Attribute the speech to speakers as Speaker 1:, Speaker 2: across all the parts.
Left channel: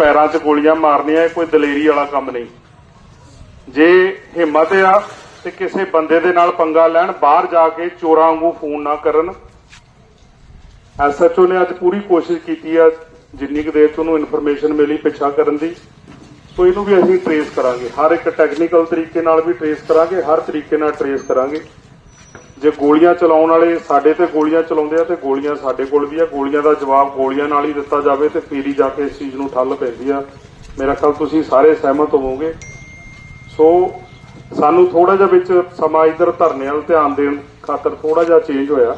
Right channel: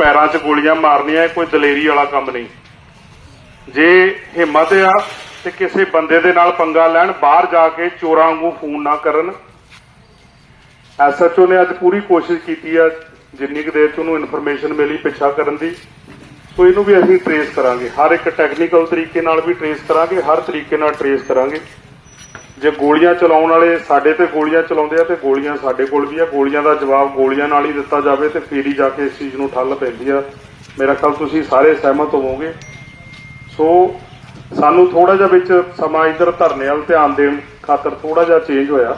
Speaker 1: ਪੈਰਾਂ 'ਚ ਗੋਲੀਆਂ ਮਾਰਨੀਆਂ ਇਹ ਕੋਈ ਦਲੇਰੀ ਵਾਲਾ ਕੰਮ ਨਹੀਂ ਜੇ ਹਿੰਮਤ ਹੈ ਤੇ ਕਿਸੇ ਬੰਦੇ ਦੇ ਨਾਲ ਪੰਗਾ ਲੈਣ ਬਾਹਰ ਜਾ ਕੇ ਚੋਰਾਂ ਵਾਂਗੂ ਫੋਨ ਨਾ ਕਰਨ ਐਸਐਚਓ ਨੇ ਅੱਜ ਪੂਰੀ ਕੋਸ਼ਿਸ਼ ਕੀਤੀ ਹੈ ਜਿੰਨੀ ਕਿ ਦੇਰ ਤੋਂ ਉਹਨੂੰ ਇਨਫੋਰਮੇਸ਼ਨ ਮਿਲੀ ਪਿੱਛਾ ਕਰਨ ਦੀ ਸੋ ਇਹਨੂੰ ਵੀ ਅਸੀਂ ਟ੍ਰੇਸ ਕਰਾਂਗੇ ਹਰ ਇੱਕ ਟੈਕਨੀਕਲ ਤਰੀਕੇ ਨਾਲ ਵੀ ਟ੍ਰੇਸ ਕਰਾਂਗੇ ਹਰ ਤਰੀਕੇ ਨਾਲ ਟ੍ਰੇਸ ਕਰਾਂਗੇ ਜੇ ਗੋਲੀਆਂ ਚਲਾਉਣ ਵਾਲੇ ਸਾਡੇ ਤੇ ਗੋਲੀਆਂ ਚਲਾਉਂਦੇ ਆ ਤੇ ਗੋਲੀਆਂ ਸਾਡੇ ਕੋਲ ਵੀ ਆ ਗੋਲੀਆਂ ਦਾ ਜਵਾਬ ਗੋਲੀਆਂ ਨਾਲ ਹੀ ਦਿੱਤਾ ਜਾਵੇ ਤੇ ਫੇਰੀ ਜਾ ਕੇ ਇਸ ਚੀਜ਼ ਨੂੰ ਠੱਲ ਪੈਂਦੀ ਆ ਮੇਰਾ ਖਿਆਲ ਤੁਸੀਂ ਸਾਰੇ ਸਹਿਮਤ ਹੋਵੋਗੇ ਸੋ ਸਾਨੂੰ ਥੋੜਾ ਜਿਹਾ ਵਿੱਚ ਸਮਾਂ ਇਧਰ ਧਰਨੇ ਵਾਲ ਧਿਆਨ ਦੇਣ ਖਾਤਰ ਥੋੜਾ ਜਿਹਾ ਚੇਂਜ ਹੋਇਆ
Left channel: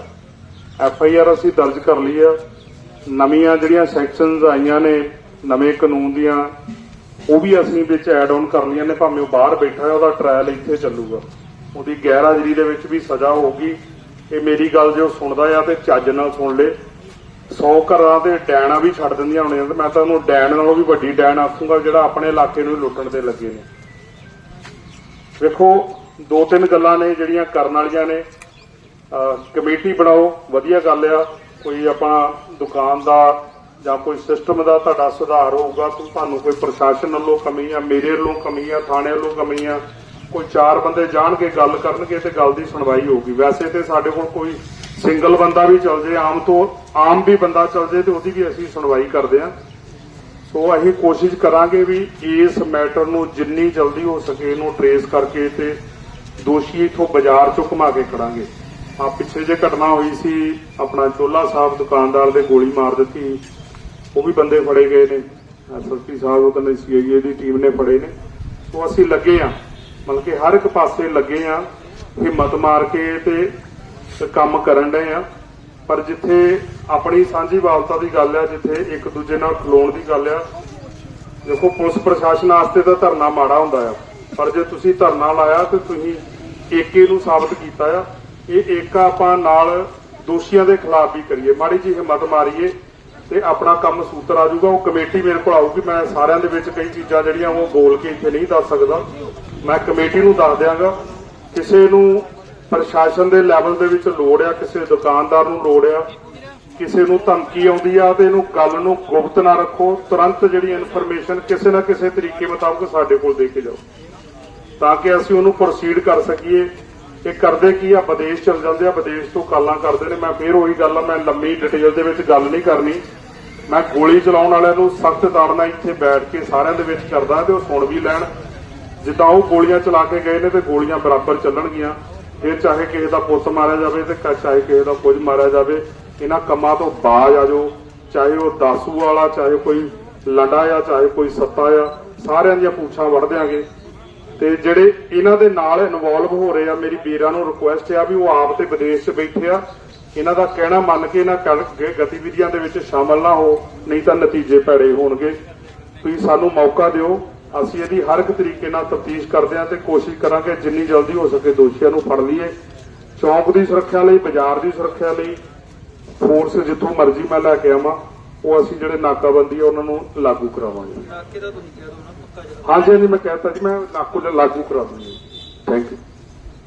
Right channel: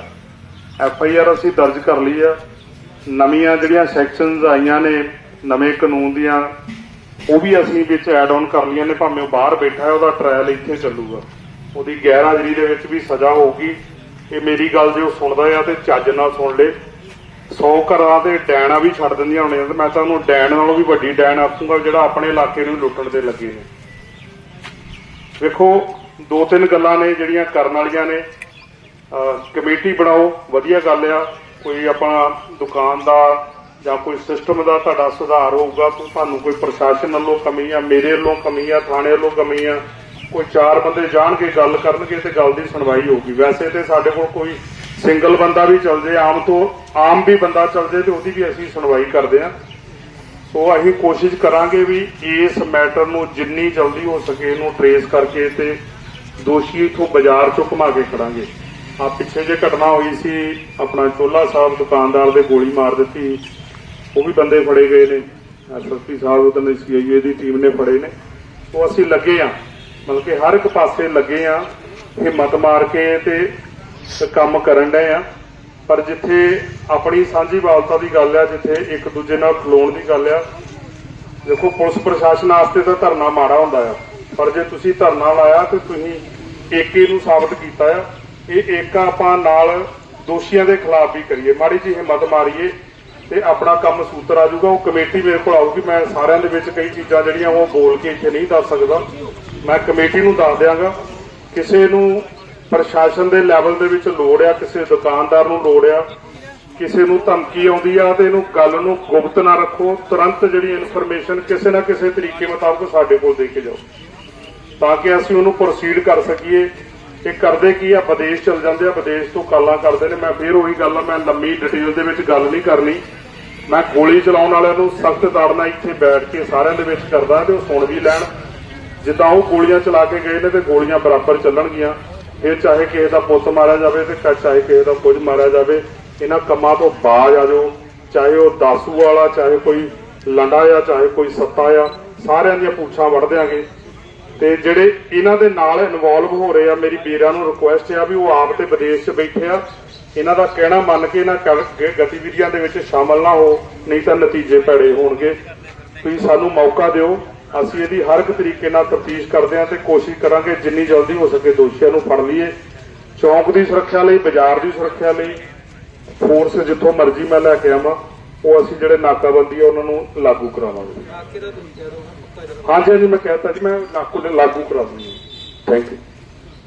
Speaker 1: ਐਫ ਆਈ ਆਰ ਅਸੀਂ ਦਰਜ ਕਰ ਲਈ ਆ ਨਵੀਆਂ ਜਿਹੜੀਆਂ ਸੈਕਸ਼ਨਸ ਆਈਆਂ ਨੇ ਨਵੇਂ ਕਾਨੂੰਨ ਦੀਆਂ ਉਹ ਵੀ ਅਸੀਂ ਵਿੱਚ ਐਡ ਆਨ ਕਰ ਲਈਆਂ ਨੇ ਭਾਵੇਂ ਬਾਹਰ ਬੈਠਾ ਹੈ ਉਹਦਾ ਟ੍ਰਾਇਲ ਇੱਥੇ ਚੱਲੂਗਾ ਉਹਦੀ ਗੈਰ ਹਾਜ਼ਰੀ ਦੇ ਵਿੱਚ ਵੀ ਸਜ਼ਾ ਹੋਊਗੀ ਇਹ ਮੇਰੀ ਗੱਲ ਜੇ ਉਹ ਸੁਣਦਾ ਆ ਤੇ ਚੱਜ ਨਾਲ ਸੁਣ ਲੇ 100 ਘਰਾਂ ਦੇ ਡੈਣਾ ਵੀ ਛੱਡ ਦਿੰਦੀਆਂ ਹੋਣੀਆਂ ਤੇ ਮੈਂ ਤਾਂ ਉਹਨੂੰ ਡੈਣ ਨਾਲੋਂ ਵੀ ਵੱਡੀ ਡੈਣ ਆਖੂਗਾ ਜਿਹੜਾ ਆਪਣੇ ਇਲਾਕੇ ਨੂੰ ਲੁੱਟਣ ਤੇ ਲੱਗੇ ਨੇ ਵੇਖੋ ਦੋ ਤਿੰਨ ਗੱਲਾਂ ਨੇ ਜਿਹੜੀਆਂ ਕਰਨ ਵਾਲੀਆਂ ਨੇ ਕਮੇਟੀ ਬਣਾਓ ਵਧੀਆ ਗੱਲ ਆ ਕੋਈ ਆਪਣਾ ਦੁਕਾਨ ਦਾ ਜਾਂ ਕੋਈ ਸਿਸਟਮ ਦਾ ਤੁਹਾਡਾ ਸੁਧਾਰ ਹੋਊਗਾ ਤੁਹਾਨੂੰ ਕੋਈ ਪ੍ਰਸ਼ਾਸਨ ਵੱਲੋਂ ਕਮੀ ਆ ਮੇਰੇ ਵੱਲੋਂ ਕਮੀ ਆ ਥਾਣੇ ਵੱਲੋਂ ਕਮੀ ਆ ਕੋਈ ਚਾਰ ਬੰਦੇ ਜਾਣਗੇ ਗੱਲ ਕਰਨਗੇ ਤੇ ਗੱਲ ਦੀ ਸੁਣਵਾਈ ਹੋਊਗੀ ਵੈਸੇ ਤੇ ਸਾਡੇ ਕੋਲ ਕੋਈ ਸਿੰਗਲ ਬੰਦਾ ਵੀ ਚੱਲ ਜੇ ਆਮ ਤੋਂ ਆਮ ਵੀ ਬੰਦਾ ਚੱਲ ਜੇ ਤੇ ਉਹਦੀ ਵੀ ਅਸੀਂ ਸੁਣਵਾਈ ਕਰਦੇ ਆ ਸੋ ਅਸੀਂ ਕੋਸ਼ਿਸ਼ ਕਰਾਂਗੇ ਵੀ ਇਸ ਮੈਟਰ ਨੂੰ ਜਿੰਨੀ ਜਲਦੀ ਹੋ ਸਕੇ ਇਹਨੂੰ ਟ੍ਰੇਸ ਕਰਕੇ ਤੇ ਦੋਸ਼ੀ ਇਥੋਂ ਬਾਜ਼ਾਰ ਚੋਂ ਘੁਮਾ ਕੇ ਕਰਾਂਗੇ ਆ ਪਿੱਛੇ ਜੇ ਘਟਨਾ ਹੋਈ ਸੀ ਆਪਣਾ ਚੋਲਾ ਸਾਹਿਬ ਦੁਕਾਨਦਾਰ ਦੇ ਗੋਲੀ ਮਾਰ ਦਿੱਤੀ ਉਹ ਵੀ ਬੰਦੇ ਫੜੇ ਗਏ ਨੇ ਐਸਐਸਪੀ ਸਾਹਿਬ ਉਹ ਤਾਂ ਸੀਆਈਏ ਦੀ ਟੀਮ ਨੇ ਫੜੇ ਨੇ ਸੋ ਅਸੀਂ ਲੱਗੇ ਆ ਮਤਲਬ ਕਿ ਹਰ ਇੱਕ ਪਾਸੇ ਲੱਗੇ ਆ ਇਹ ਮਤ ਮਾਰ ਕੇ ਤੇ ਕੰਮ ਕਰਨ ਦੇ ਆ ਪਰ ਜਿੱਥੇ ਆਪਣੀ ਸਾਂਝੀ ਵਾਲਤਾ ਦੀ ਗੱਲ ਆ ਜਿੱਥੇ ਇੱਕ ਦੂਜੇ ਨਾਲ ਖਲੋਣ ਦੀ ਗੱਲ ਆ ਦੇਖੋ ਪੁਲਿਸ ਪ੍ਰਸ਼ਾਸਨ ਆਸਤੇ ਤਾਂ ਧਰਨਾ ਮਾੜਾ ਹੁੰਦਾ ਆ ਪਰ ਜੇ ਤੁਸੀਂ ਧਰਨਾ ਲਾਇਆ ਤੇ ਤੁਸੀਂ ਏਕੇ ਨੂੰ ਸਾਬਤ ਕੀਤਾ ਆ ਇਹ ਏਕਾ ਆਪਾਂ ਨਾਲ ਦੋਸ਼ੀਆਂ ਦੇ ਖਿਲਾਫ ਵੀ ਕਰੀਏ ਮਾੜੀ ਜੀ ਹਿੰਮਤ ਮਾਰੀਏ ਤੇ ਆਪਣਾ ਕੰਮ ਸੂਤਰ ਆ ਜਾਊਗਾ ਉਹ ਕਮੇਟੀ ਮੇਰੇ ਕੋਲ ਆਊਗੀ ਮੈਂ ਸਾਰਿਆਂ ਦੇ ਵਿੱਚ ਕਈ ਚੀਜ਼ਾਂ ਜਿਹੜੀਆਂ ਉਹ ਬੋਲ ਕੇ ਇੱਥੇ ਨਹੀਂ ਦੱਸ ਸਕਦਾ ਮੈਂ ਕਮੇਟੀ ਨੂੰ ਦੱਸ ਦਿਆਂਗਾ ਕਿਸੇ ਨੂੰ ਪ੍ਰਸ਼ਾਸਨ ਦੇ ਲੈਵਲ ਦੇ ਵਿੱਚ ਲੋੜ ਆ ਕਿਸੇ ਦੁਕਾਨਦਾਰ ਨੂੰ ਲੋੜ ਆ ਕਿਸੇ ਨੂੰ ਧਮਕੀ ਆਉਂਦੀ ਆ ਤੇ ਇਹਨੂੰ ਗੱਲ ਨੂੰ ਗੁਪਤ ਨਾ ਰੱਖੋ ਤੁਰੰਤ ਜਿਹੜੀ ਇਨਫੋਰਮੇਸ਼ਨ ਕਿਸੇ ਨਾ ਕਿਸੇ ਤਰੀਕੇ ਮੁਤਾਬਕ ਸਾਡੇ ਕੋਲ ਦੇ ਕੇ ਜਾਓ ਤਾਂ ਕਿ ਅਸੀਂ ਉਹਨੂੰ ਪ੍ਰੋਸੀਡ ਕਰ ਸਕੀਏ ਇਹ ਕਰਦੇ ਕੀ ਆ ਵਿਦੇਸ਼ ਚਲ ਜਾਂਦੇ ਆ ਵਿਦੇਸ਼ ਤੋਂ ਕਾਲਾਂ ਕਰਦੇ ਨੇ ਮੈਂ ਫੇਰ ਉਹੀ ਗੱਲ ਆ ਮੈਂ ਲੰਮੀ ਡਿਟੇਲ ਦੇ ਵਿੱਚ ਗੱਲ ਨਹੀਂ ਕਰਨੀ ਮੈਂ ਗੋਲੀ ਚਲਾਉਣ ਵਾਲਿਆਂ ਨੂੰ ਸਖਤ ਤਾੜਨਾ ਇੱਥੇ ਬੈਠ ਕੇ ਸਾਰਿਆਂ ਦੇ ਵਿੱਚ ਕਰਦਾ ਤੇ ਉਹ ਸੁਣ ਵੀ ਲੈਣ ਜਿੱਦਾਂ ਉਹ ਗੋਲੀਆਂ ਚਲਾ ਕੇ ਗਏ ਨੇ ਤੇ ਗੋਲੀਆਂ ਬਰਾਬਰ ਚੱਲਣਗੀਆਂ ਫਿਰ ਚਾਹੇ ਕਿਸੇ ਦਾ ਪੁੱਤ ਮਾਰਿਆ ਜਾਵੇ ਤੇ ਚਾਹੇ ਕਿਸੇ ਦਾ ਕੁਝ ਮਾਰਿਆ ਜਾਵੇ ਇਹਨਾਂ ਕੰਮਾਂ ਤੋਂ ਬਾਜ ਆ ਜਾਓ ਚਾਹੇ ਉਹ ਦਾਸੂ ਵਾਲਾ ਚਾਹੇ ਕੋਈ ਲੰਡਾ ਆ ਚਾਹੇ ਕੋਈ ਸੱਤਾ ਆ ਸਾਰਿਆਂ ਦੀਆਂ ਪੁੱਛਾਂ ਵੜ ਦੇਾਂਗੇ ਤੇ ਜਿਹੜੇ ਇਹਨਾਂ ਦੇ ਨਾਲ ਇਨਵੋਲਵ ਹੋ ਰਹੇ ਆ ਮੇਰੀ ਵੀਰਾਂ ਨੂੰ ਰਿਕੁਐਸਟ ਆ ਵੀ ਉਹ ਆਪ ਤੇ ਵਿਦੇਸ਼ 'ਚ ਬੈਠੇ ਆ ਇਹਨਾਂ ਦਾ ਕਹਿਣਾ ਮੰਨ ਕੇ ਇਹਨਾਂ ਗਤੀਵਿਧੀਆਂ ਦੇ ਵਿੱਚ ਸ਼ਾਮਲ ਨਾ ਹੋ ਨਹੀਂ ਤਾਂ ਨਤੀਜੇ ਭੜੇ ਹੋਣਗੇ ਤੁਸੀਂ ਸਾਨੂੰ ਮੌਕਾ ਦਿਓ ਅਸੀਂ ਇਹਦੀ ਹਰ ਇੱਕ ਤਰੀਕੇ ਨਾਲ ਤਫਤੀਸ਼ ਕਰਦੇ ਹਾਂ ਤੇ ਕੋਸ਼ਿਸ਼ ਕਰਾਂਗੇ ਜਿੰਨੀ ਜਲਦੀ ਹੋ ਸਕੇ ਦੋਸ਼ੀਆਂ ਨੂੰ ਫੜ ਲਈਏ ਚੌਂਕ ਦੀ ਸੁਰੱਖਿਆ ਲਈ ਬਾਜ਼ਾਰ ਦੀ ਸੁਰੱਖਿਆ ਲਈ ਫੋਰਸ ਜਿੱਥੋਂ ਮਰਜ਼ੀ ਮੈਂ ਲੈ ਕੇ ਆਵਾਂ ਉਹ ਅਸੀਂ ਜਿਹੜੇ ਨਾਕਾਬੰਦੀ ਆ ਉਹਨਾਂ ਨੂੰ ਲਾਗੂ ਕਰਾਵਾਂਗੇ ਹਾਂਜੀ ਜੀ ਮੈਂ ਕਹਿੰਦਾ ਕਿ ਮੈਂ ਨਾਕੂ ਲਾਗੂ ਕਰਾ ਦੂੰਗਾ ਥੈਂਕ ਯੂ